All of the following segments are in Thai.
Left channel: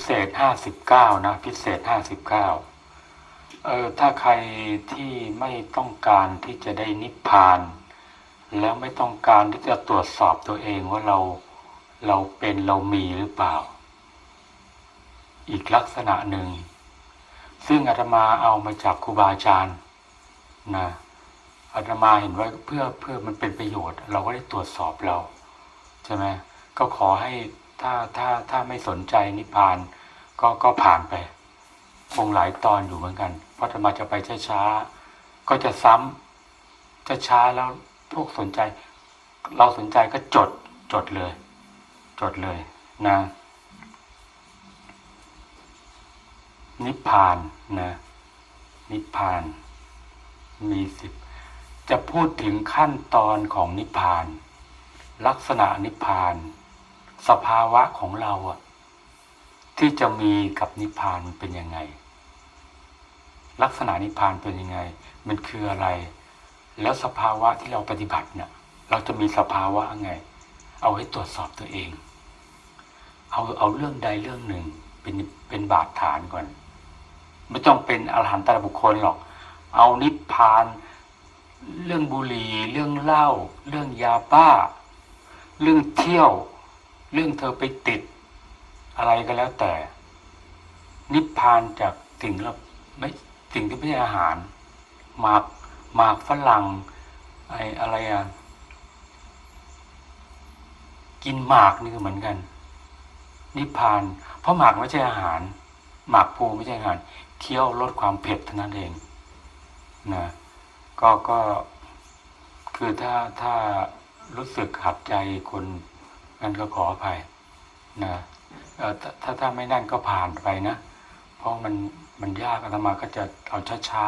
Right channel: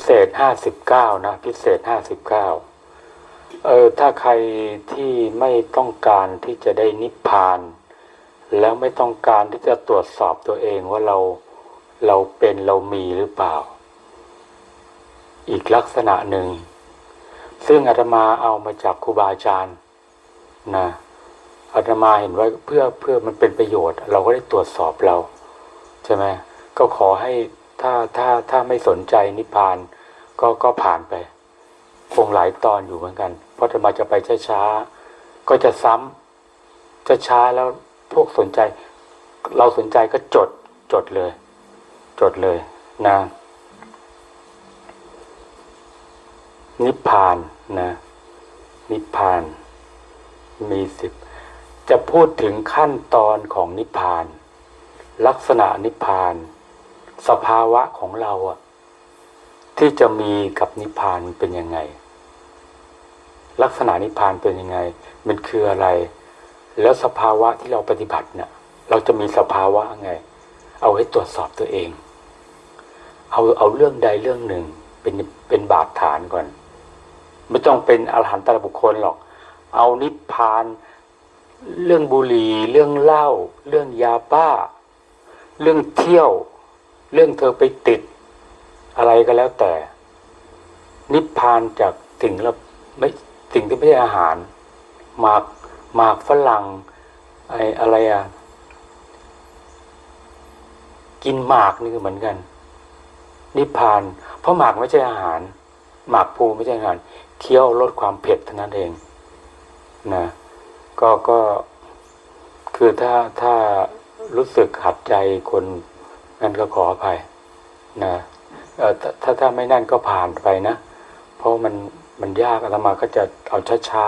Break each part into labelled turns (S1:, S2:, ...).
S1: พิเศษห้าสิบเก้านะพิเศษห้าสิบเก้าเออถ้าใครที่ไม่ต้องการที่จะได้นิพพาน แล้วไม่ต้องการที่จะตรวจสอบตัวเองว่าเราเราเป็นเรามีหรือเปล่า อีกลักษณะหนึ่ง ซึ่งอาตมาเอามาจากครูบาอาจารย์นะอาตมาเห็นว่าเพื่อเพื่อมันเป็นประโยชน์ เราก็ได้ตรวจสอบเรา ใช่ไหมก็ขอให้ ถ้าถ้าถ้าไม่สนใจนิพพานก็ก็ผ่านไป คงหลายตอนอยู่เหมือนกัน เพราะอาตมาจะไปช้าๆก็จะซ้ำจะช้าแล้วพวกสนใจ เราสนใจก็จดจดเลย จดเลยนะนิพพานนะนิพพานมีสิบจะพูดถึงขั้นตอนของนิพพาน ลักษณะนิพพาน สภาวะของเราอะที่จะมีกับนิพพานเป็นยังไง ลักษณะนิพพานเป็นยังไง มันคืออะไร แล้วสภาวะที่เราปฏิบัติเนี่ยเราจะมีสภาวะไง เอาให้ตรวจสอบตัวเอง เอาเอาเรื่องใดเรื่องหนึ่งเป็นเป็นบาดฐานก่อน ไม่ต้องเป็นอรหันตรบุคคลหรอก เอานิพพาน เรื่องบุหรี่เรื่องเหล้าเรื่องยาบ้า เรื่องเที่ยว เรื่องเธอไปติดอะไรก็แล้วแต่ นิพพานจากสิ่งละไม่สิ่งที่ไม่ใช่อาหาร หมากหมากฝรั่งไออะไรอะกินหมากนี่ก็เหมือนกัน นิพพาน เพราะหมากไม่ใช่อาหาร หมากภูไม่ใช่อาหารเคี้ยวลดความเผ็ดเท่านั้นเองนะก็ก็คือถ้าถ้ารู้สึกขัดใจคน นั้นก็ขออภัยนะถ้าถ้าไม่นั่นก็ผ่านไปนะ เพราะมันมันยากอาตมาก็จะเอาช้า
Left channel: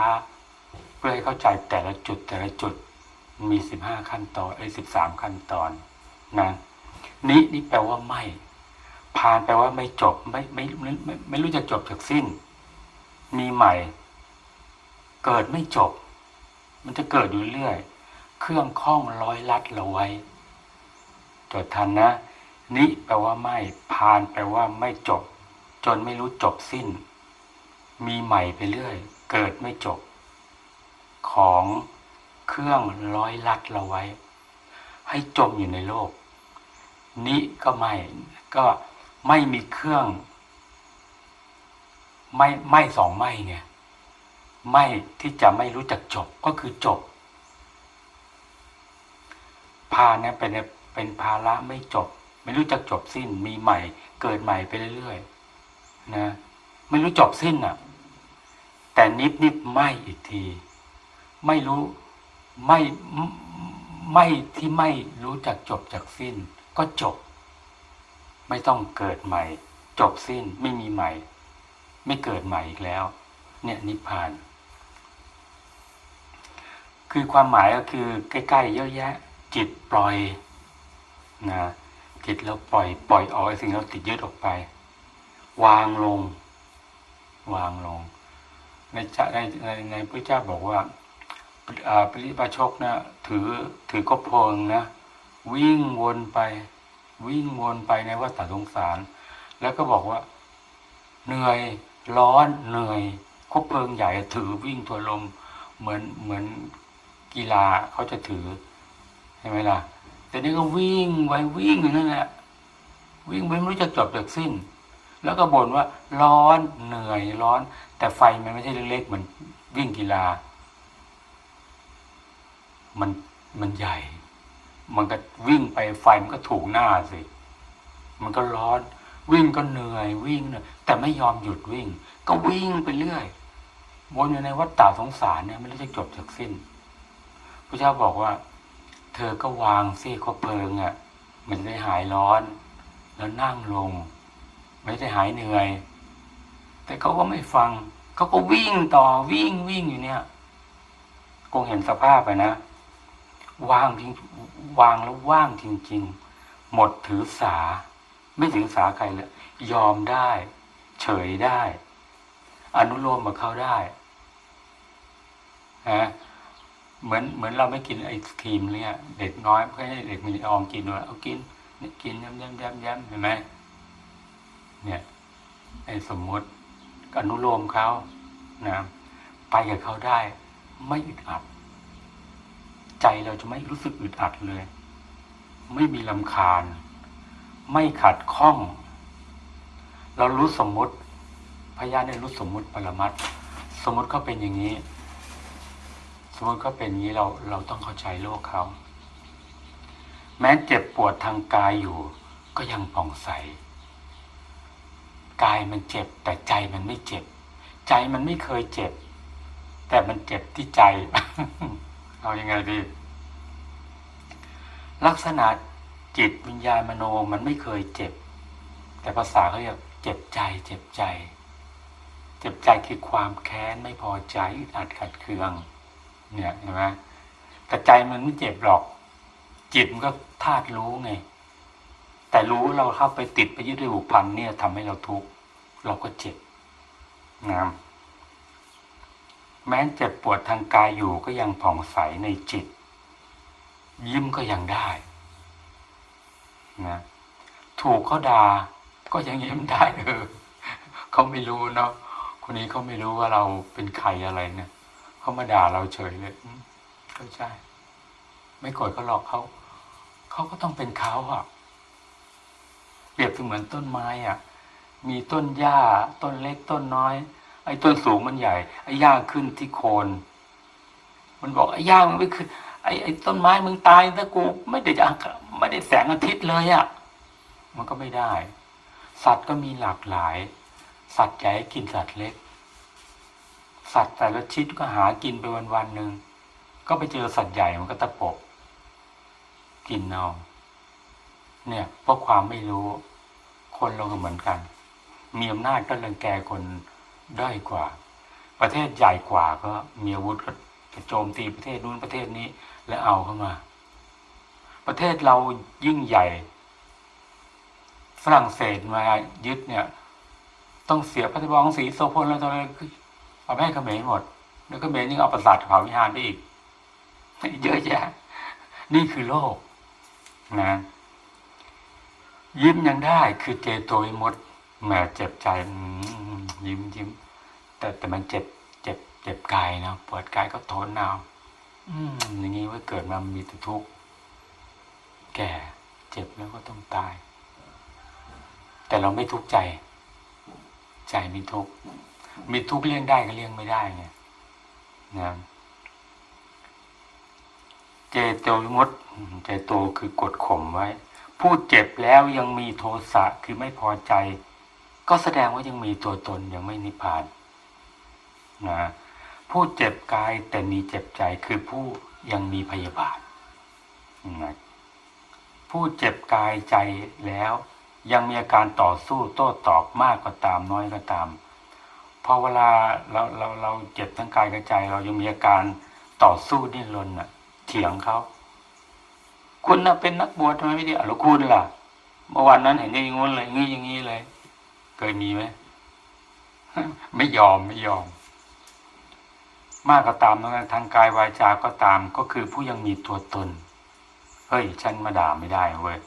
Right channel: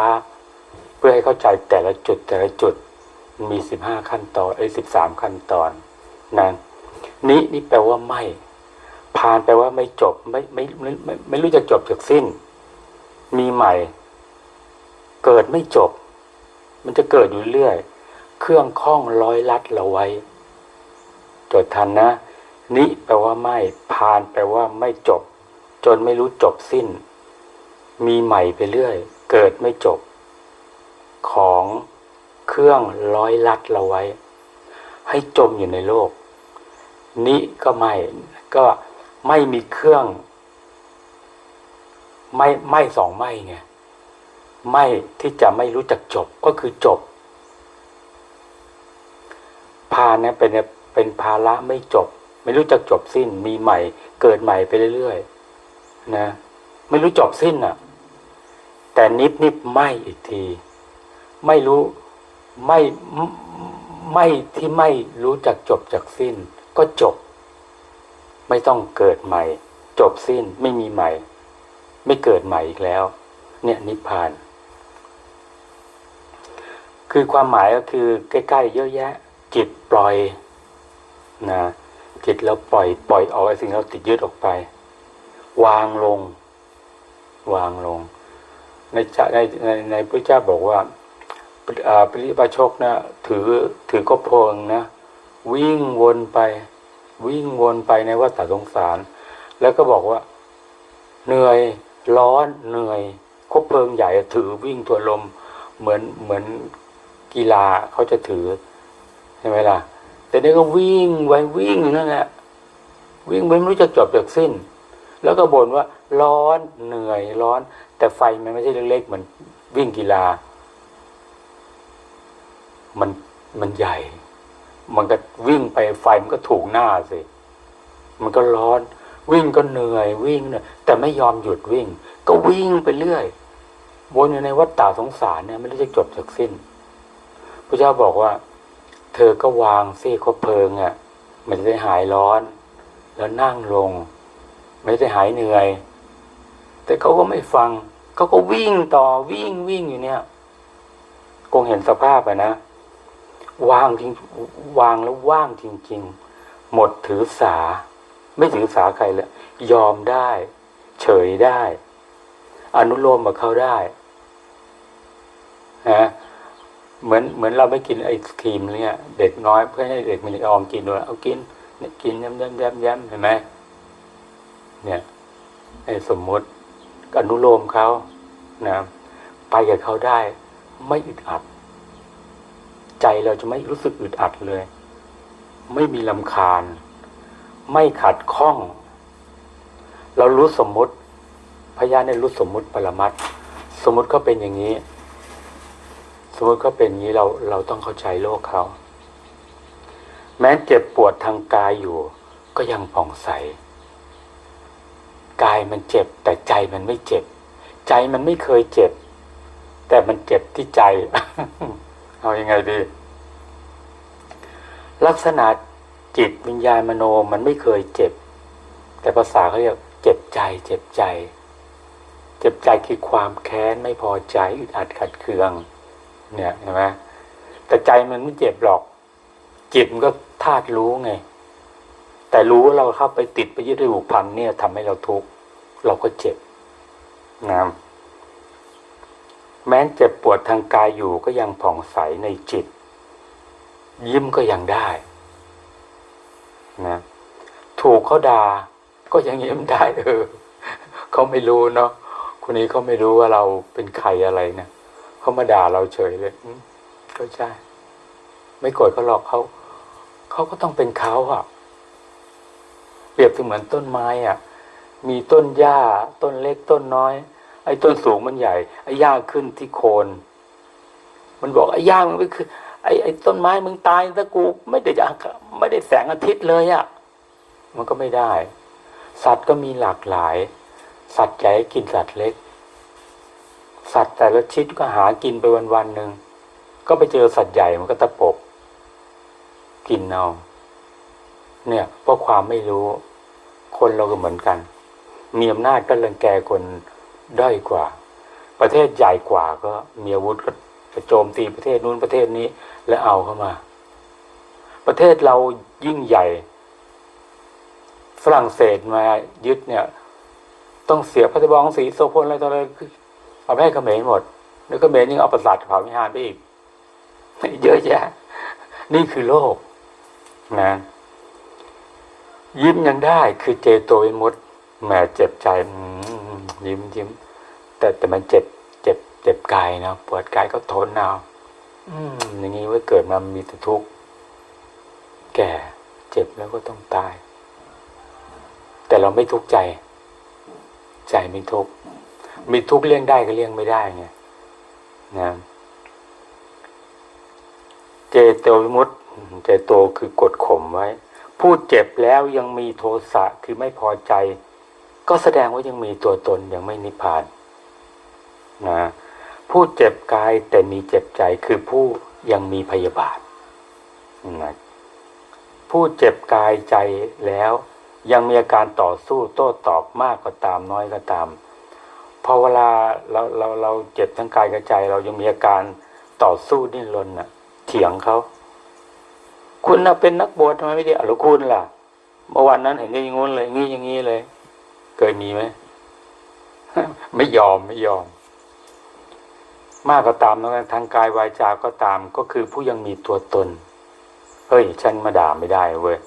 S1: ๆ เพื่อให้เข้าใจแต่ละจุดแต่ละจุดมันมีสิบห้าขั้นตอนไอ้สิบสามขั้นตอนนะนี้นี่แปลว่าไม่ ผ่านแปลว่าไม่จบไม่ไม่ไม่ไม่ไม่รู้จะจบจากสิ้น มีใหม่ เกิดไม่จบ มันจะเกิดอยู่เรื่อย เครื่องข้องร้อยลัดเราไว้ จดทันนะ นิแปลว่าไม่ผ่านแปลว่าไม่จบ จนไม่รู้จบสิ้น มีใหม่ไปเรื่อย เกิดไม่จบ ของเครื่องร้อยลัดเราไว้ ให้จมอยู่ในโลก นิก็ไม่ก็ไม่มีเครื่อง ไม่ไม่สองไม่เนี่ย ไม่ที่จะไม่รู้จักจบก็คือจบ พาเนี่ยเป็นเป็นภาระไม่จบ ไม่รู้จักจบสิ้น มีใหม่ เกิดใหม่ไปเรื่อยๆนะ ไม่รู้จบสิ้นอะ แต่นิดนิดไม่อีกที ไม่รู้ไม่ไม่ไม่ที่ไม่รู้จักจบจากสิ้น ก็จบ ไม่ต้องเกิดใหม่ จบสิ้นไม่มีใหม่ ไม่เกิดใหม่อีกแล้ว เนี่ยนิพพาน คือความหมายก็คือใกล้ๆเยอะแยะ จิตปล่อยนะ จิตเราปล่อยปล่อยออกไอ้สิ่งเราติดยึดออกไป วางลง วางลง ในในในในพระเจ้าบอกว่าอ่าปริปาชกนะถือถือก็เพลิงนะ วิ่งวนไป วิ่งวนไปในวัฏสงสาร แล้วก็บอกว่า เหนื่อยร้อนเหนื่อยคบเพลิงใหญ่ถือวิ่งตัวลมเหมือนเหมือนกีฬาเขาจะถือใช่ไหมล่ะ แต่นี่ก็วิ่งไว้วิ่งอย่างนั้นแหละวิ่งไปไม่รู้จะจบจากสิ้น แล้วก็บ่นว่าร้อนเหนื่อยร้อน แต่ไฟมันไม่ใช่เล็กๆเหมือนวิ่งกีฬา มันมันใหญ่ มันก็วิ่งไปไฟมันก็ถูกหน้าสิ มันก็ร้อน วิ่งก็เหนื่อยวิ่งเหนื่อยแต่ไม่ยอมหยุดวิ่ง ก็วิ่งไปเรื่อยวนอยู่ในวัฏฏะสงสารเนี่ยไม่รู้จะจบจากสิ้นพระเจ้าบอกว่า เธอก็วางซี่คบเพลิงอะ่ะ มันจะได้หายร้อน แล้วนั่งลง ไม่ได้หายเหนื่อย แต่เขาก็ไม่ฟัง เขาก็วิ่งต่อวิ่งวิ่งอยู่เนี่ยคงเห็นสภาพอะนะวางจริงวางแล้วว่างจริง ๆ หมดถือสา ไม่ถือสาใครเลยยอมได้ เฉยได้ อนุโลมกับเขาได้นะ เหมือนเหมือนเราไม่กินไอศครีมเนี่ยเด็กน้อยเพื่อให้เด็กมันยอมกินด้วยเอากินเนี่ยกินย้ำย้ำย้ำย้ำเห็นไหมเนี่ยไอสมมติอนุโลมเขานะไปกับเขาได้ ไม่อึดอัด ใจเราจะไม่รู้สึกอึดอัดเลย ไม่มีลำคาญ ไม่ขัดข้อง เรารู้สมมติพยานในรู้สมมติปรมัตสมมติเขาเป็นอย่างนี้ มมติเขาเป็นอย่างนี้เราเราต้องเข้าใจโลกเขา แม้เจ็บปวดทางกายอยู่ ก็ยังผ่องใส กายมันเจ็บ แต่ใจมันไม่เจ็บ ใจมันไม่เคยเจ็บ แต่มันเจ็บที่ใจ เอาอยัางไงดี ลักษณะจิตวิญญาณมโนมันไม่เคยเจ็บ แต่ภาษาเขาเรียกเจ็บใจ เจ็บใจ เจ็บใจคือความแค้นไม่พอใจอึดอัดขัดเคือง เนี่ยเห็นไหมแต่ใจมันไม่เจ็บหรอก จิตมันก็ธาตุรู้ไง แต่รู้ว่าเราเข้าไปติดไปยึดไปผูกพันเนี่ยทำให้เราทุกข์เราก็เจ็บนะแม้เจ็บปวดทางกายอยู่ก็ยังผ่องใสในจิต ยิ้มก็ยังได้นะถูกเขาด่าก็ยังยิ้มได้เออเขาไม่รู้เนาะคนนี้เขาไม่รู้ว่าเราเป็นใครอะไรนะ เขามาด่าเราเฉยเลยอืมก็ใช่ ไม่โกรธเขาหรอกเขาเขาก็ต้องเป็นเขาอะเปรียบเสมือนต้นไม้อะมีต้นหญ้า ต้นเล็กต้นน้อย ไอ้ต้นสูงมันใหญ่ ไอ้หญ้าขึ้นที่โคน มันบอกไอ้หญ้ามันไม่ขึ้นไอ้ไอ้ต้นไม้มึงตายถ้ากู ไม่ได้จะไม่ได้แสงอาทิตย์เลยอะ่ะ มันก็ไม่ได้ สัตว์ก็มีหลากหลาย สัตว์ใหญ่กินสัตว์เล็ก สัตว์แต่ละชิดก็หากินไปวันวันหนึ่งก็ไปเจอสัตว์ใหญ่มันก็ตะปบกินเอาเนี่ยเพราะความไม่รู้ คนเราก็เหมือนกัน มีอำนาจก็รังแกคนด้อยกว่า ประเทศใหญ่กว่าก็มีอาวุธก็จะโจมตีประเทศนู้นประเทศนี้ แล้วเอาเข้ามา ประเทศเรายิ่งใหญ่ ฝรั่งเศสมายึดเนี่ย ต้องเสียพระราชวังสีโซพลแล้วอะไร เอาไปให้เขมรหมด แล้วเขมรยังเอาประสาทเขาวิหารไปอีก เยอะแยะ นี่คือโลกนะ ยิ้มยังได้ คือเจโตวิมุตแหมเจ็บใจยิ้มยิ้มแต่แต่มันเจ็บ เจ็บ เจ็บกายนะปวดกายก็ทนเอาอืมอย่างนี้ว่าเกิดมามีแต่ทุกข์แก่เจ็บแล้วก็ต้องตาย แต่เราไม่ทุกข์ใจ ใจไม่ทุกข์ มีทุกข์เลี่ยงได้ก็เลี่ยงไม่ได้ไงนะเจโตวิมุตต์เจโตคือกดข่มไว้ พูดเจ็บแล้วยังมีโทสะคือไม่พอใจ ก็แสดงว่ายังมีตัวตนยังไม่นิพพานนะผู้เจ็บกายแต่มีเจ็บใจคือผู้ยังมีพยาบาทนะผู้เจ็บกายใจแล้ว ยังมีอาการต่อสู้โต้ตอบมากก็ตามน้อยก็ตาม พอเวลาเราเราเราเจ็บทั้งกายกับใจ เรายังมีอาการต่อสู้ดิ้นรนน่ะ เถียงเขาคุณน่ะเป็นนักบวชทำไมไม่ด้หรือคุณล่ะเมื่อวันนั้นเห็นอย่างงู้นเลยงี้อย่างงี้เลย เคยมีไหมไม่ยอมไม่ยอม มากก็ตามนะทางกายวาจาก็ตาม ก็คือผู้ยังมีตัวตนเฮ้ยฉันมาด่าไม่ได้เว้ย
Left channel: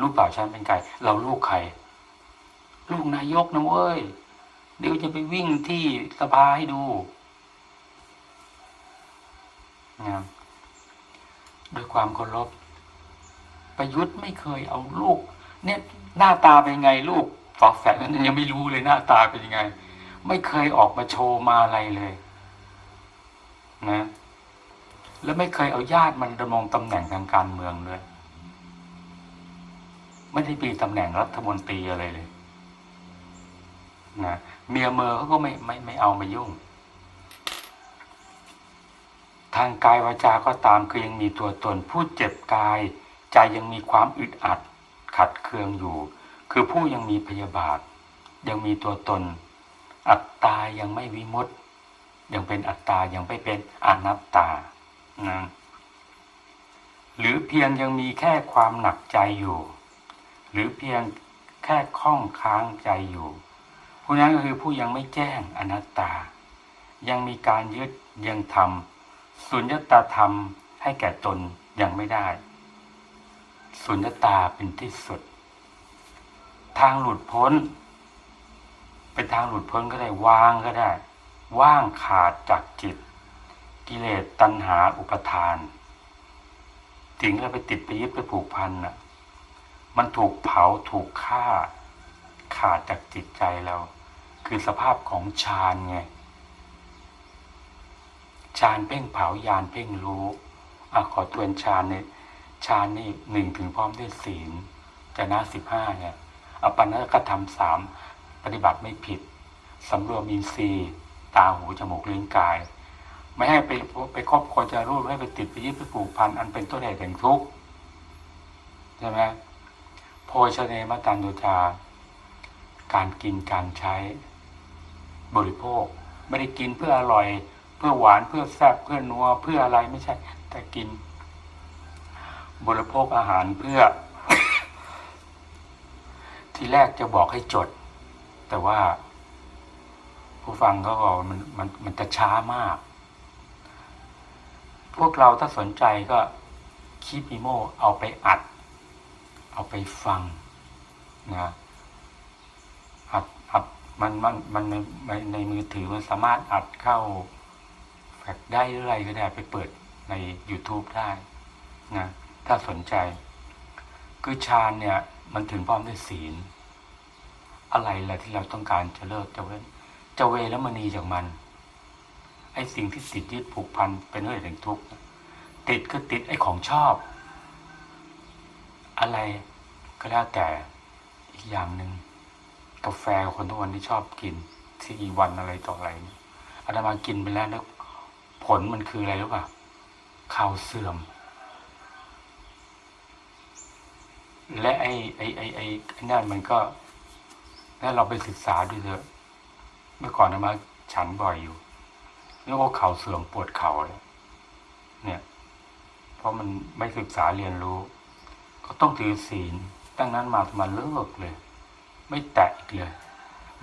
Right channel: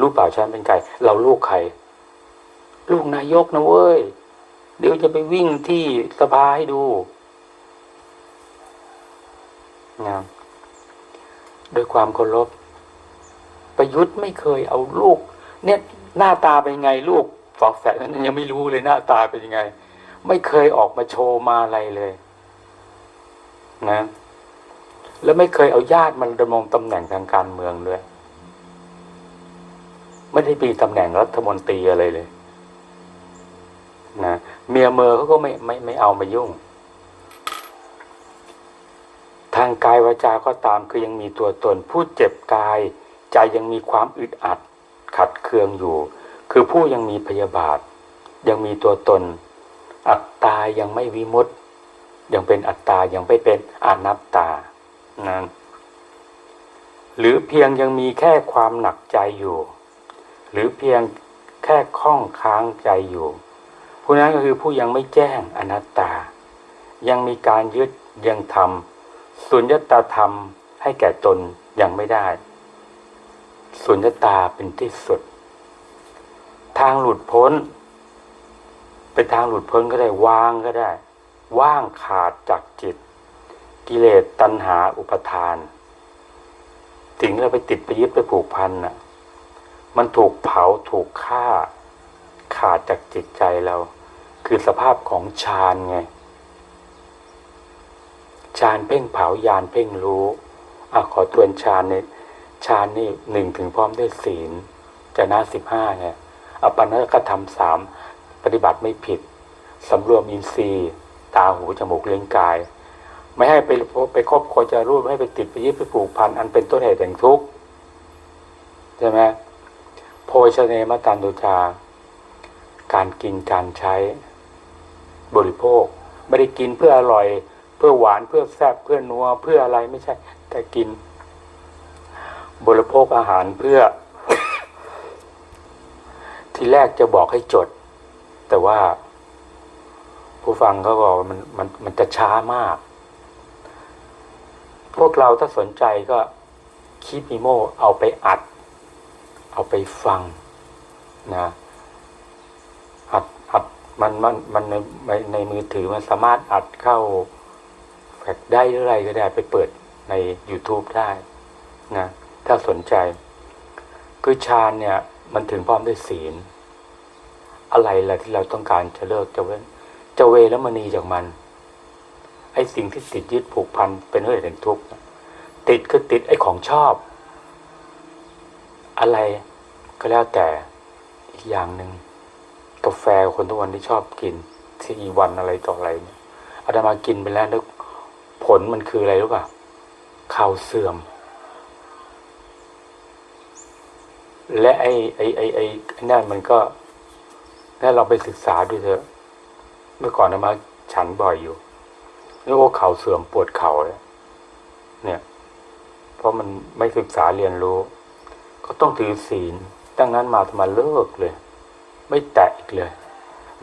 S1: รู้เปล่าฉันเป็นใครเราลูกใครลูกนายกนะเว้ย เดี๋ยวจะไปวิ่งที่สภาให้ดูนะด้วยความเคารพประยุทธ์ไม่เคยเอาลูก เนี่ยหน้าตาเป็นไงลูกฝอกแฝดนั้นยังไม่รู้เลยหน้าตาเป็นยังไง ไม่เคยออกมาโชว์มาอะไรเลยนะ แล้วไม่เคยเอาญาติมันดำรงตำแหน่งทางการเมืองด้วยไม่ได้มีตำแหน่งรัฐมนตรีอะไรเลยนะ เมียเมอเขาก็ไม่ไม่ไม่เอามายุ่ง ทางกายวาจาก็ตามคือยังมีตัวตน ผู้เจ็บกาย ใจยังมีความอึดอัด ขัดเคืองอยู่ คือผู้ยังมีพยาบาท ยังมีตัวตน อัตตายังไม่วิมุตตยังเป็นอัตตายังไม่เป็นอนัตตานะหรือเพียงยังมีแค่ความหนักใจอยู่ หรือเพียงแค่ข้องค้างใจอยู่ ผู้นั้นก็คือผู้ยังไม่แจ้งอนัตตา ยังมีการยึดยังทำสุญญตาธรรมให้แก่ตนยังไม่ได้ สุญญตาเป็นที่สุด ทางหลุดพ้น เป็นทางหลุดพ้นก็ได้วางก็ได้ ว่างขาดจากจิต กิเลสตัณหาอุปทานสิ่งเราไปติดไปยึดไปผูกพันน่ะ มันถูกเผาถูกฆ่าขาดจากจิตใจเรา คือสภาพของฌานไงฌานเพ่งเผายานเพ่งรู้อะขอทวนฌานนี่ฌานนี่หนึ่งถึงพร้อมด้วยศีลจะน้าสิบห้าไงอปันนกธรรมสามปฏิบัติไม่ผิดสำรวมอินทรีย์ ตาหูจมูกเลี้ยงกาย ไม่ให้ไปไปครอบครจะรูปไม่ให้ไปติดไปยึดไปผูกพันอันเป็นต้นเหตุแห่งทุกข์ใช่ไหมโภชเนมตันตุจาการกินการใช้ บริโภค ไม่ได้กินเพื่ออร่อย เพื่อหวานเพื่อแซ่บเพื่อนัวเพื่ออะไรไม่ใช่ แต่กิน บริโภคอาหารเพื่อ ทีแรกจะบอกให้จด แต่ว่า ผู้ฟังก็บอกว่ามันมันมันจะช้ามาก พวกเราถ้าสนใจก็คีปิโมเอาไปอัด เอาไปฟังนะ มันมันมันในในมือถือมันสามารถอัดเข้าแฟลชได้หรืออะไรก็ได้ไปเปิดใน YouTube ได้นะถ้าสนใจ คือฌานเนี่ย มันถึงพร้อมด้วยศีล อะไรล่ะที่เราต้องการจะเลิกจะเว้นจะเวแล้วมณีจากมัน ไอ้สิ่งที่ติดยึดผูกพันเป็นเรื่องแห่งทุกข์ติดคือติดไอ้ของชอบ อะไรก็แล้วแต่อีกอย่างหนึ่ง กาแฟคนทุกวันที่ชอบกินที่อีวันอะไรต่ออะไรเนี่ยอาตมากินไปแล้วแล้วผลมันคืออะไรรู้ป่ะข่าวเสื่อม และไอ้ไอ้ไอ้ไอ้นั่นมันก็ถ้าเราไปศึกษาดูเถอะ เมื่อก่อนอาตมาฉันบ่อยอยู่นี่โอ้เข่าเสื่อมปวดเข่าเลยเนี่ย เพราะมันไม่ศึกษาเรียนรู้ ก็ต้องถือศีลดังนั้นมาอาตมาเลิกเลย ไม่แตะอีกเลย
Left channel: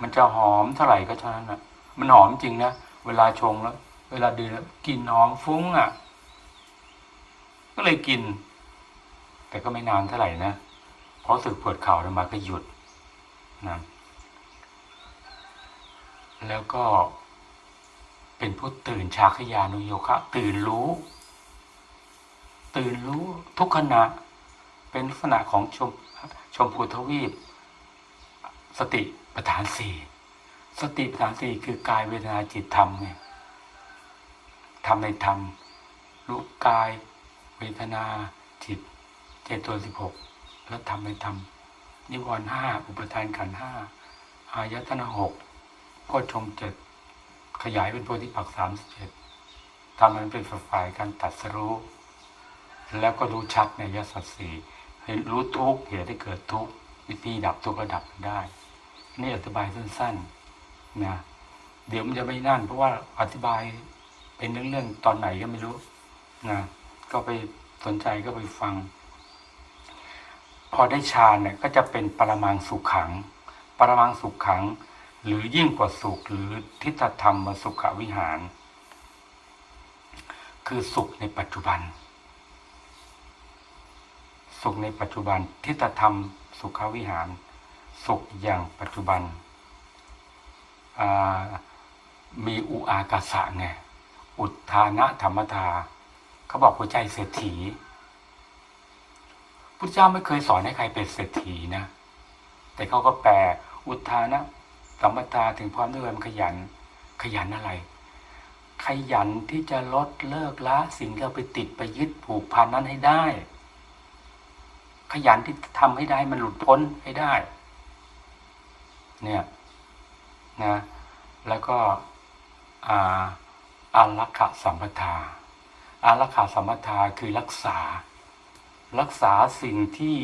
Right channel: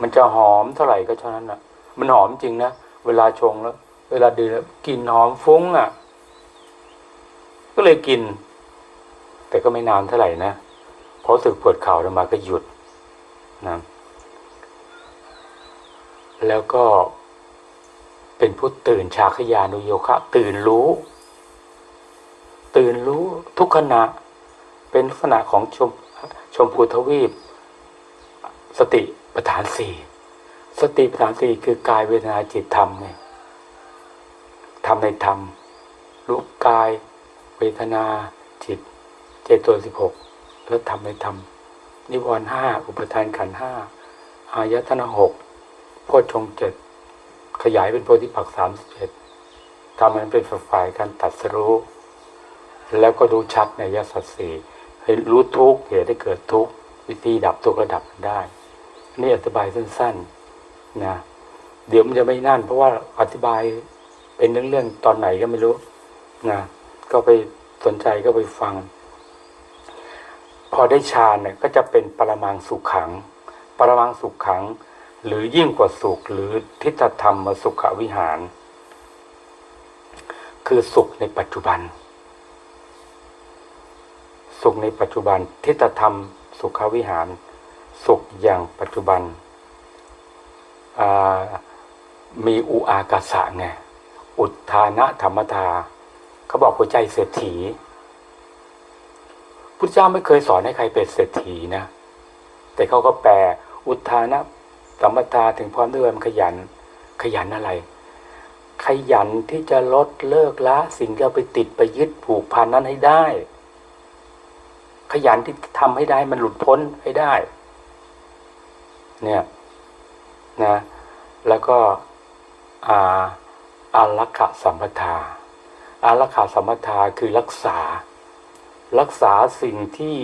S1: มันจะหอมเท่าไหร่ก็เท่านั้นนะมันหอมจริงนะ เวลาชงแล้ว เวลาดื่มแล้วกลิ่นหอมฟุ้งอะ ก็เลยกิน แต่ก็ไม่นานเท่าไหร่นะเพราะสึกปวดเข่าอาตมาก็หยุดนะแล้วก็เป็นผู้ตื่นชาขยานุโยคะ ตื่นรู้ ตื่นรู้ทุกขณะ เป็นลักษณะของชมชมพูทวีป สติปัฏฐานสี่สติปัฏฐานสี่คือกายเวทนาจิตธรรมไงธรรมในธรรมรู้กาย เวทนาจิต เจตตัวสิบหกแล้วธรรมในธรรมนิวรณ์ห้าอุปทานขันห้าอายตนะหกโพชฌงเจ็ดขยายเป็นโพธิปักสามสิบเอ็ดทำมันเป็นฝ่ายการตัดสรู้ แล้วก็รู้ชัดในยสัตสีเห็นรู้ทุกเหตุให้เกิดทุกวิธีดับทุกข์ก็ดับได้ นี่อธิบายสั้นๆนะเดี๋ยวมันจะไม่นั่น เพราะว่าอธิบายเป็นเรื่องๆตอนไหนก็ไม่รู้นะก็ไปสนใจก็ไปฟัง พอได้ฌานเนี่ยก็จะเป็นปรมังสุขขัง ปรมังสุขขัง หรือยิ่งกว่าสุขหรือทิฏฐธรรมสุขวิหาร คือสุขในปัจจุบัน สุขในปัจจุบันทิฏฐธรรมสุขวิหาร สุขอย่างปัจจุบัน มีอุอากาสะไง อุทานะธรรมทาเขาบอกหัวใจเศรษฐีพุทธเจ้าไม่เคยสอนให้ใครเป็นเศรษฐีนะ แต่เขาก็แปลอุทานะสัมปทาถึงพร้อมด้วยมันขยัน ขยันอะไร ขยันที่จะลดเลิกละสิ่งที่เราไปติดไปยึดผูกพันนั้นให้ได้ ขยันที่ทำให้ได้มันหลุดพ้นให้ได้ เนี่ยนะแล้วก็อาอารักขสัมปทาอารักขาสัมปทาคือรักษา รักษาสิ่งที่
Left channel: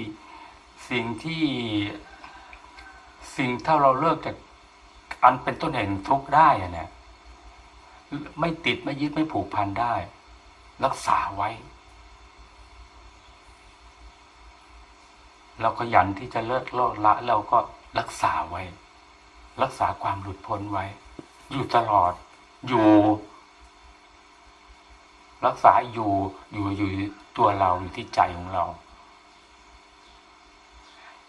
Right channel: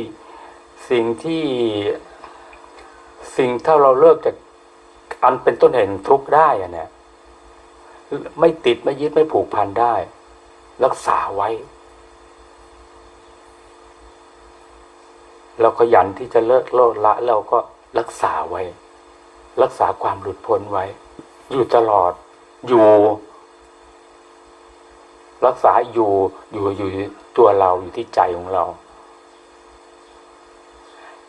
S1: สิ่งที่สิ่งถ้าเราเลิกจากอันเป็นต้นเหตุทุกข์ได้อะเนี่ยไม่ติดไม่ยึดไม่ผูกพันได้ รักษาไว้ เราขยันที่จะเลิกโลดละเราก็รักษาไว้ รักษาความหลุดพ้นไว้ อยู่ตลอด อยู่ รักษาอยู่อยู่อยู่ตัวเราอยู่ที่ใจของเรา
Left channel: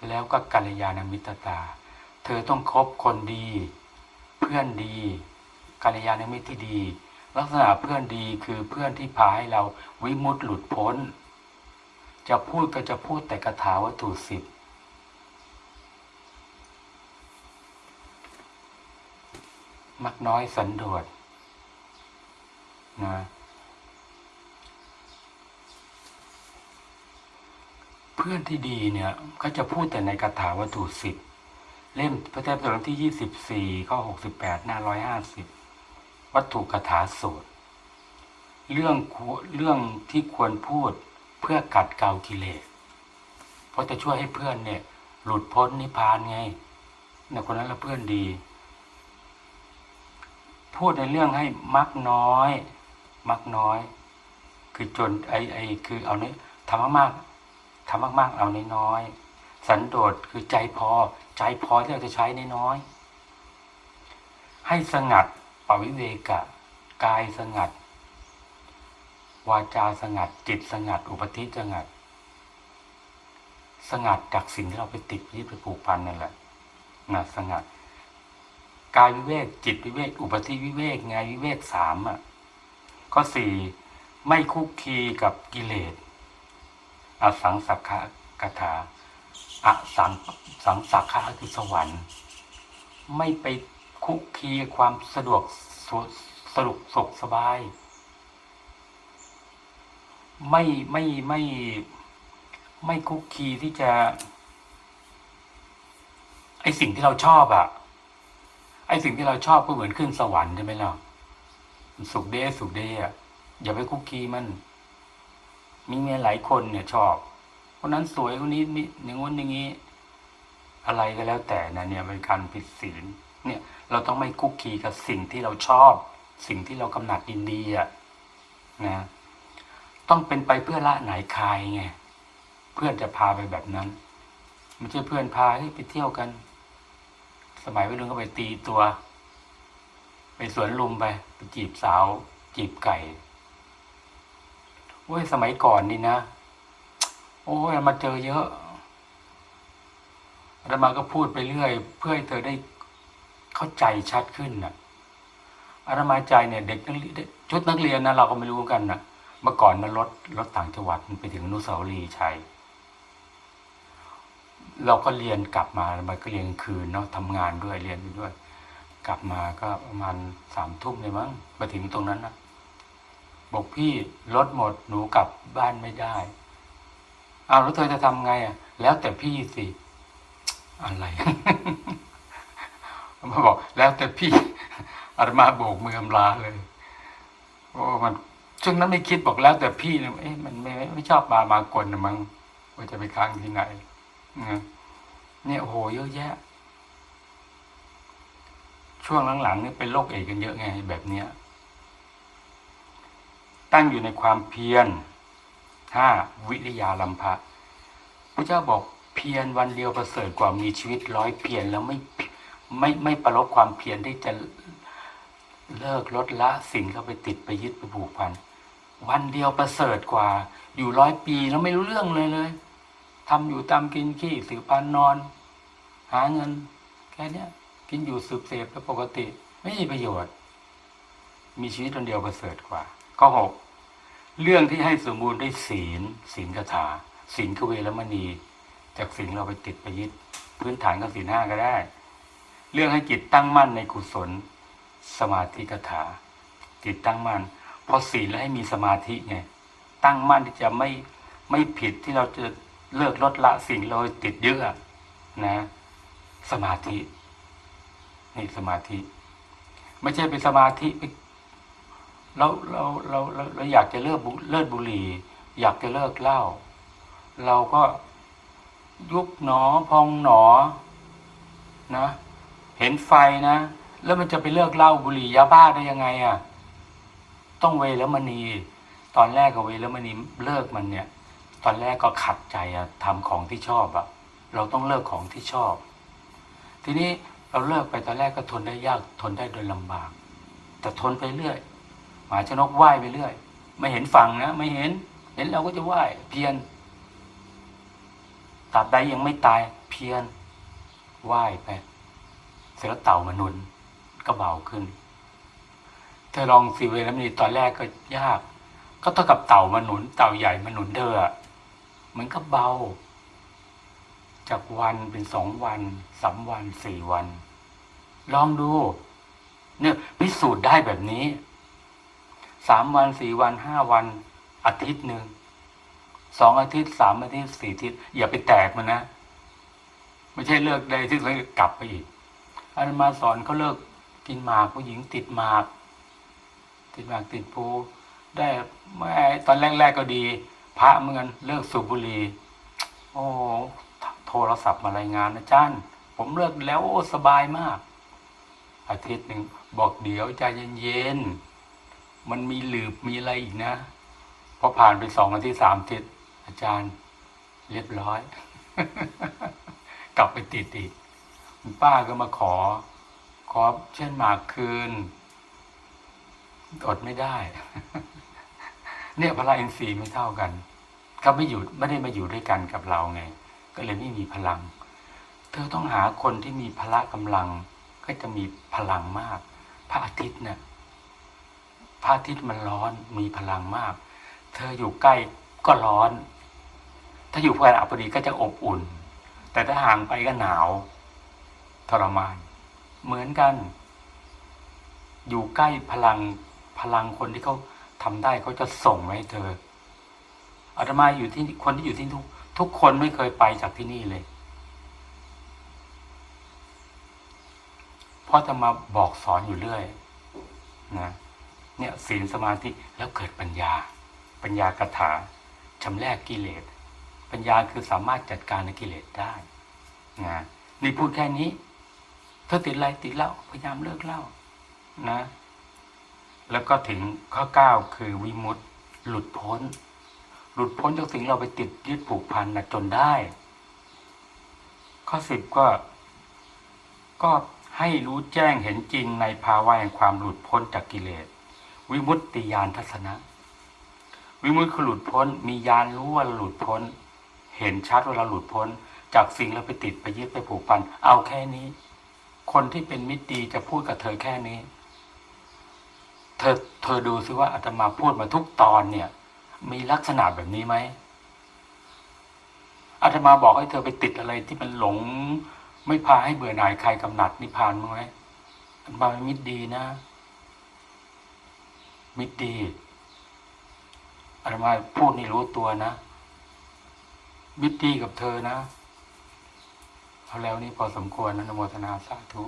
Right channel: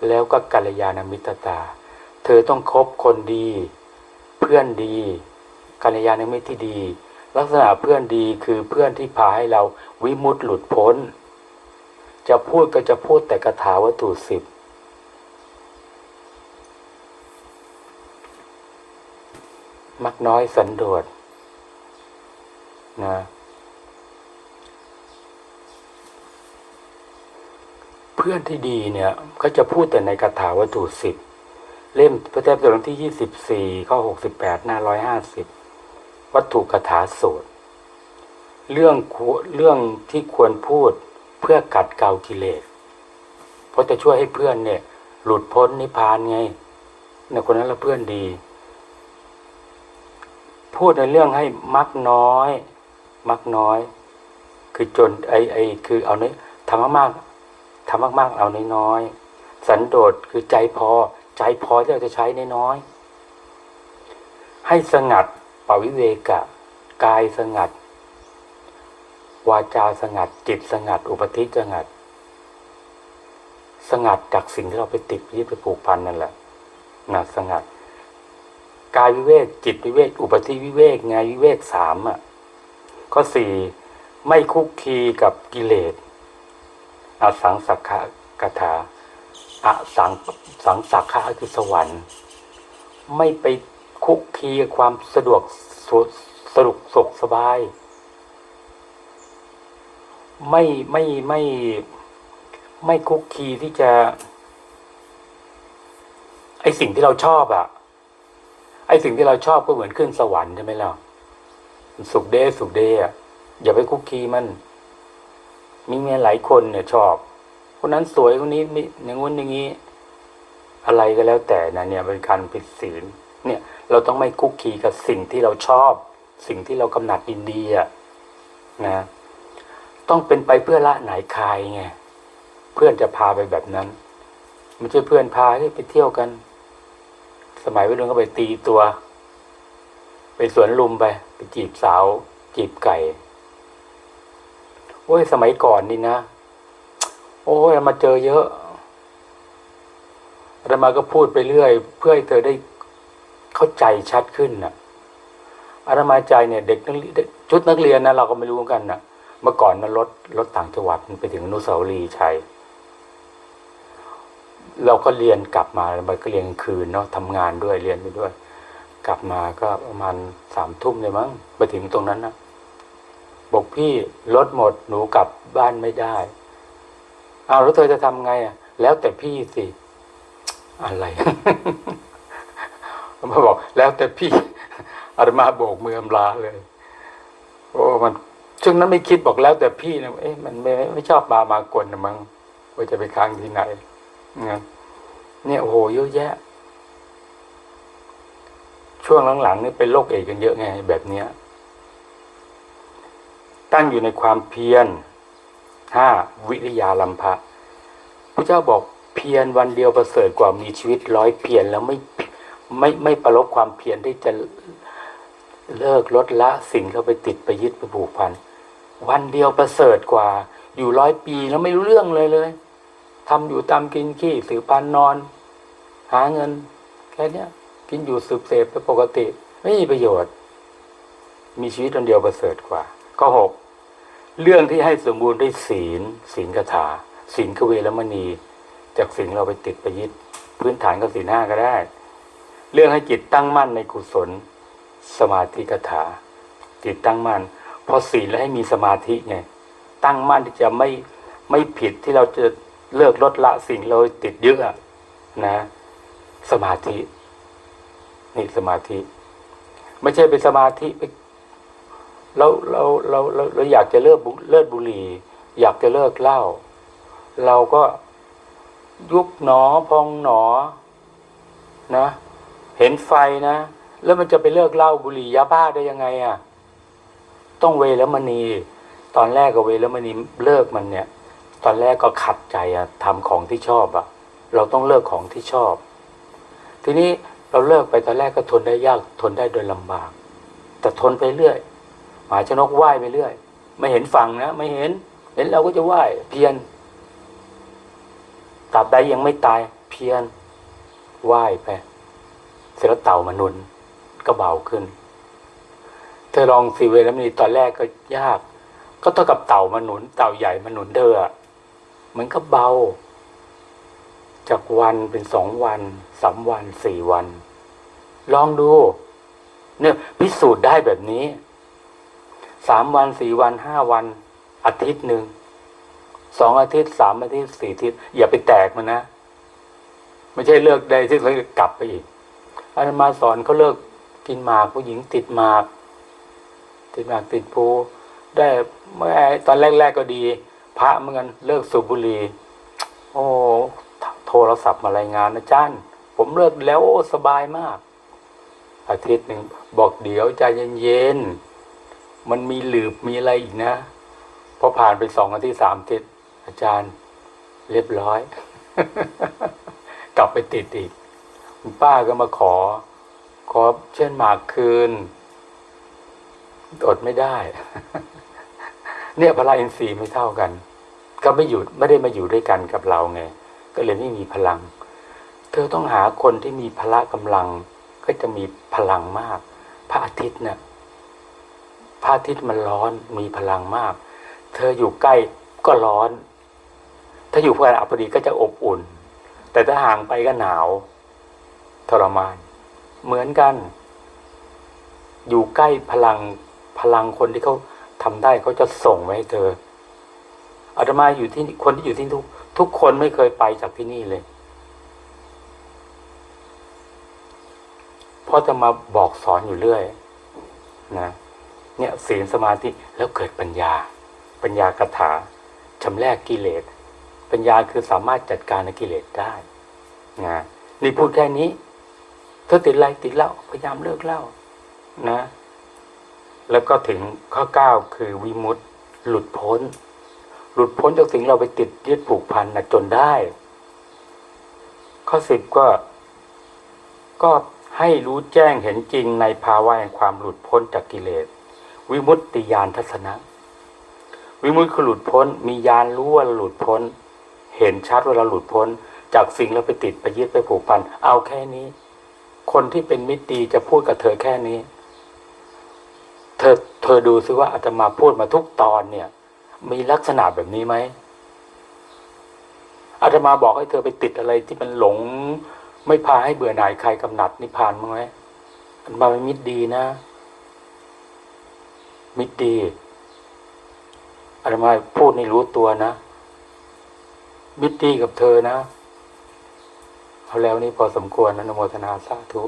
S1: แล้วก็กัลยาณมิตรตา เธอต้องคบคนดี เพื่อนดีกัลยาณมิตรที่ดี ลักษณะเพื่อนดีคือเพื่อนที่พาให้เราวิมุตติหลุดพ้น จะพูดก็จะพูดแต่คาถาวัตถุสิบ มักน้อยสันโดษนะเพื่อนที่ดีเนี่ยก็จะพูดแต่ในคาถาวัตถุสิบเล่มพระเจ้าตอนที่ยี่สิบสี่ข้อหกสิบแปดหน้าร้อยห้าสิบวัตถุคาถาสูตร เรื่องเรื่องที่ควรพูดเพื่อกัดเกากิเลสเพราะจะช่วยให้เพื่อนเนี่ย หลุดพ้นนิพพานไงเนี่ยคนนั้นละเพื่อนดี พูดในเรื่องให้มักน้อย มักน้อย คือจนไอไอคือเอาเนี้ยทำมากๆทำมากๆเอาน้อยๆสันโดษคือใจพอ ใจพอที่เราจะใช้น้อยๆให้สงัดปวิเวกะ กายสงัด วาจาสงัด จิตสงัด อุปธิสงัด สงัดจากสิ่งที่เราไปติดยึดไปผูกพันนั่นแหละนะสงัด กายวิเวกจิตวิเวกอุปธิวิเวกไงวิเวกสามอะข้อสี่ไม่คุกคีกับกิเลสอสังสักขะกถาอสังสังสักขะคือสวรรค์ ไม่ไปคุกคีกับความสะดวกสสรุกสุขสบาย ไม่ไม่ไม่ไม่คุกคีที่จะ ไอสิ่งที่เราชอบอะไอสิ่งที่เราชอบก็เหมือนขึ้นสวรรค์ใช่ไหมล่ะสุขเดสุขเดชอะอย่าไปคุกคีมัน มีเมียหลายคนเนี่ยชอบคนนั้นสวยคนนี้มีอย่างงู้นอย่างนี้ อะไรก็แล้วแต่นะเนี่ยเป็นการผิดศีลเนี่ย เราต้องไม่คุกคีกับสิ่งที่เราชอบ สิ่งที่เรากำหนัดยินดีอะนะต้องเป็นไปเพื่อละไหนคายไงเพื่อนจะพาไปแบบนั้น ไม่ใช่เพื่อนพาให้ไปเที่ยวกัน สมัยวัยรุ่นก็ไปตีตัว ไปสวนลุมไป ไปจีบสาว จีบไก่โอ้ยสมัยก่อนนี่นะ โอ้ยมาเจอเยอะอาตมาก็พูดไปเรื่อย เพื่อให้เธอได้เข้าใจชัดขึ้นน่ะอาตมาใจเนี่ยเด็กนักเรียนชุดนักเรียนนะเราก็ไม่รู้กันน่ะ เมื่อก่อนนะรถรถต่างจังหวัดมันไปถึงอนุสาวรีย์ชัย เราก็เรียนกลับมามันก็เรียนกลางคืนเนาะทำงานด้วยเรียนไปด้วย กลับมาก็ประมาณสามทุ่มเลยมั้งไปถึงตรงนั้นนะบอกพี่รถหมดหนูกลับบ้านไม่ได้อ้าวแล้วเธอจะทำไงอะ แล้วแต่พี่สิอะไรมาบอก แล้วแต่พี่อาตมาโบกมืออำลาเลย โอ้มันช่วงนั้นไม่คิดบอกแล้วแต่พี่นะเอ๊ะมันไม่ไม่ชอบมามากลนะมั้งว่าจะไปค้างที่ไหน นะเนี่ยโอ้โหเยอะแยะ ช่วงหลังๆนี่เป็นโรคเอดกันเยอะไงแบบเนี้ย ตั้งอยู่ในความเพียรห้าวิริยาลัมภะพระเจ้าบอกเพียรวันเดียวประเสริฐกว่ามีชีวิตร้อยเพียรแล้วไม่ไม่ไม่ประลบความเพียรที่จะเลิกลดละสิ่งเข้าไปติดไปยึดไปผูกพัน วันเดียวประเสริฐกว่า อยู่ร้อยปีแล้วไม่รู้เรื่องเลยเลย ทำอยู่ตามกินขี้สืบปานนอน หาเงิน แค่เนี้ยกินอยู่สืบเสพไปปกติ ไม่มีประโยชน์ มีชีวิตวันเดียวประเสริฐกว่า ข้อหกเรื่องที่ให้สมบูรณ์ด้วยศีล ศีลคาถาศีลกเวรมณี จากสิ่งเราไปติดไปยึดพื้นฐานก็ศีลห้าก็ได้ เรื่องให้จิตตั้งมั่นในกุศล สมาธิคาถา จิตตั้งมั่นพอศีลแล้วให้มีสมาธิไงตั้งมั่นที่จะไม่ไม่ผิดที่เราจะ เลิกลดละสิ่งเราติดยึดอะนะ สมาธิ นี่สมาธิ ไม่ใช่เป็นสมาธิไปเราเราเราเราเราอยากจะเลิกเลิกบุหรี่ อยากจะเลิกเหล้าเราก็ยุบหนอพองหนอ นะ เห็นไฟนะแล้วมันจะไปเลิกเหล้าบุหรี่ยาบ้าได้ยังไงอะ่ะ ต้องเวรมณี ตอนแรกก็เวรมณีเลิกมันเนี่ย ตอนแรกก็ขัดใจอะทำของที่ชอบอะเราต้องเลิกของที่ชอบ ทีนี้เราเลิกไปตอนแรกก็ทนได้ยากทนได้โดยลำบาก แต่ทนไปเรื่อยหมาชนกว่ายไปเรื่อย ไม่เห็นฝั่งนะไม่เห็น เห็นเราก็จะว่ายเพียรตราบใดยังไม่ตายเพียรว่ายไปเสร็จแล้วเต่ามาหนุนก็เบาขึ้น เธอลองสีเวลามีตอนแรกก็ยาก ก็เท่ากับเต่ามาหนุน เต่าใหญ่มาหนุนเธออ มันก็เบา จากวันเป็นสองวันสามวันสี่วัน ลองดู เนี่ยพิสูจน์ได้แบบนี้สามวันสี่วันห้าวันอาทิตย์หนึ่งสองอาทิตย์สามอาทิตย์สี่อาทิตย์อย่าไปแตกมันนะไม่ใช่เลิกได้ที่แล้วกลับไปอีกอาตมาสอนเขาเลิกกินหมากผู้หญิงติดหมาก ติดหมากติดภูได้เมื่อตอนแรก ๆก็ดี พระเหมือนกันเลิกสูบบุหรี่โอ้โทรศัพท์มารายงานอาจารย์ ผมเลิกแล้วโอ้สบายมาก อาทิตย์หนึ่งบอกเดี๋ยวใจเย็นๆมันมีหลืบมีอะไรอีกนะพอผ่านไปสองอาทิตย์สามอาทิตย์อาจารย์เรียบร้อย กลับไปติดอีกคุณป้าก็มาขอ ขอเช่นหมากคืนอดไม่ได้ เนี่ยพลังอินทรีย์ไม่เท่ากัน ก็ไม่อยู่ไม่ได้มาอยู่ด้วยกันกับเราไง ก็เลยไม่มีพลัง เธอต้องหาคนที่มีพละกำลัง ก็จะมีพลังมาก พระอาทิตย์เนี่ยพระอาทิตย์มันร้อนมีพลังมาก เธออยู่ใกล้ก็ร้อน ถ้าอยู่ใกล้อัปดีก็จะอบอุ่น แต่ถ้าห่างไปก็หนาวทรมาน เหมือนกัน อยู่ใกล้พลังพลังคนที่เขาทำได้เขาจะส่งไว้ให้เธอ อาตมาอยู่ที่คนที่อยู่ที่ทุกทุกคนไม่เคยไปจากที่นี่เลยเพราะจะมาบอกสอนอยู่เรื่อยนะเนี่ยศีลสมาธิแล้วเกิดปัญญา ปัญญากถาชำแรกกิเลส ปัญญาคือสามารถจัดการกิเลสได้นะนี่พูดแค่นี้เธอติดอะไรติดเล้าพยายามเลิกเล้านะ แล้วก็ถึงข้อเก้าคือวิมุตติหลุดพ้น หลุดพ้นจากสิ่งเราไปติดยึดผูกพันนะจนได้ ข้อสิบก็ ก็ให้รู้แจ้งเห็นจริงในภาวะแห่งความหลุดพ้นจากกิเลส วิมุตติญาณทัศนะ วิมุตติคือหลุดพ้น มีญาณรู้ว่าเราหลุดพ้น เห็นชัดว่าเราหลุดพ้น จากสิ่งเราไปติดไปยึดไปผูกพัน เอาแค่นี้ คนที่เป็นมิตรดีจะพูดกับเธอแค่นี้ เธอเธอดูซิว่าอาตมาพูดมาทุกตอนเนี่ย มีลักษณะแบบนี้ไหมอาตมาบอกให้เธอไปติดอะไรที่มันหลง ไม่พาให้เบื่อหน่ายใครกำหนัดนิพพานมั้งไหมอาตมาเป็นมิตรดีนะ มิตรดีอาตมาพูดในรู้ตัวนะมิตรดีกับเธอนะเอาแล้วนี่พอสมควรนะนโมทนาสาธุ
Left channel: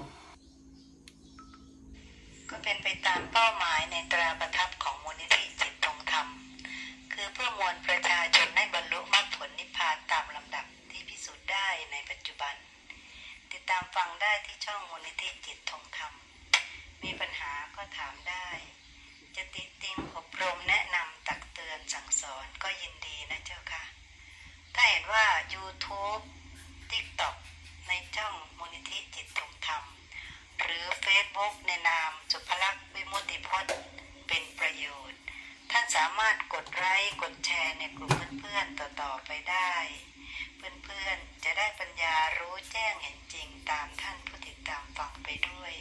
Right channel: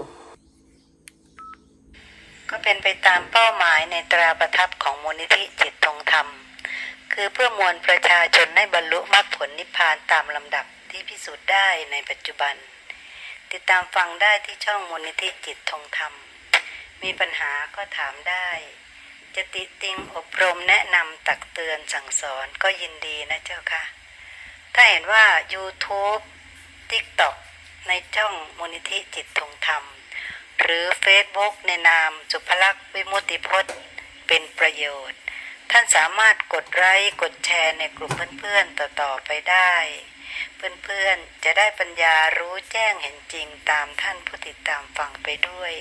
S2: ก็เป็นไปตามเป้าหมายในตราประทับของมูลนิธิจิตทงธรรม คือเพื่อมวลประชาชนให้บรรลุมรรคผลนิพพานตามลำดับที่พิสูจน์ได้ในปัจจุบัน ติดตามฟังได้ที่ช่องมูลนิธิจิตทงธรรม มีปัญหาก็ถามได้ จะติติงอบรมแนะนำตักเตือนสั่งสอนก็ยินดีนะเจ้าค่ะ ถ้าเห็นว่า YouTube TikTok ในช่องมูลนิธิจิตทงธรรม หรือ Facebook ในนามสุภลักษณ์วิมุติพจน์ เป็นประโยชน์ ท่านสามารถกดไลค์กดแชร์ในกลุ่มเพื่อนๆต่อๆไปได้ เพื่อนๆจะได้ปัญญารู้แจ้งเห็นจริงตามท่านผู้ติดตามฟังไปด้วย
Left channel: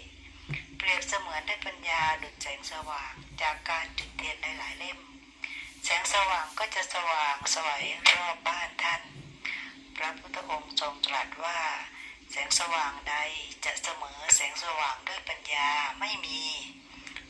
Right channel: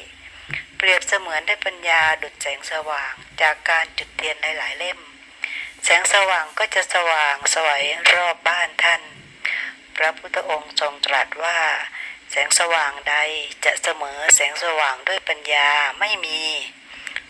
S2: เปรียบเสมือนได้ปัญญาดุจแสงสว่างจากการจุดเทียนหลายๆเล่ม แสงสว่างก็จะสว่างสวยรอบบ้านท่าน พระพุทธองค์ทรงตรัสว่า แสงสว่างใดจะเสมอแสงสว่างด้วยปัญญาไม่มี